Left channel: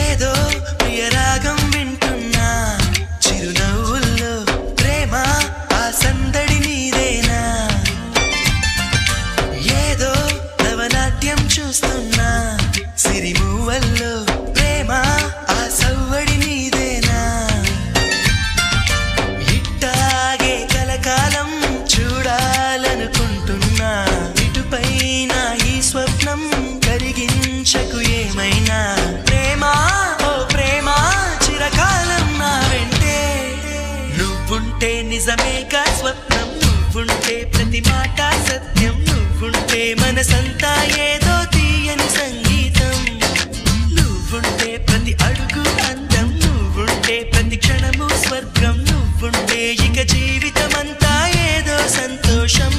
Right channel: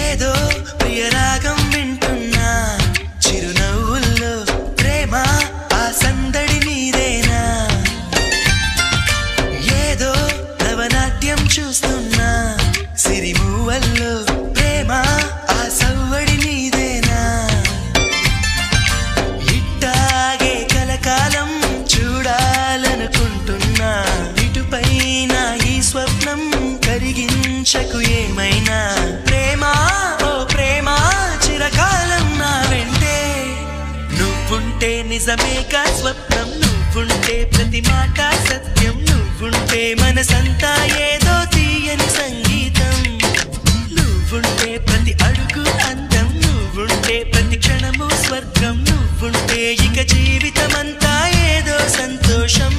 ఏదో ప్రియరాగం వింటున్నా చిరునవ్వుల్లో ప్రేమ ఆ సందడి నీదేనా ఏదో నవనాట్యం చూస్తున్నా సిరిమూవల్లో ప్రేమ ఆ సవ్వడి నీదేనా ఇట్టాగే కలకాలం చూడాలనుకుంటున్నా ఇటుపైన ఈ స్వప్నం కరిగించకు ఏమైనా ప్రేమ ఓ ప్రేమ చిరకాలం నా వెంటే నువ్వుంటే నిజమేగా స్వప్నం నువ్వుంటే ప్రతి మాట సత్యం నువ్వుంటే మనసంతా ఏదో తీయని సంగీతం నువ్వుంటే ప్రతి అడుగు అందం నువ్వుంటే ప్రతి క్షణము స్వర్గం నువ్వుంటే ఇక జీవితమంతా ఏదో సంతోషం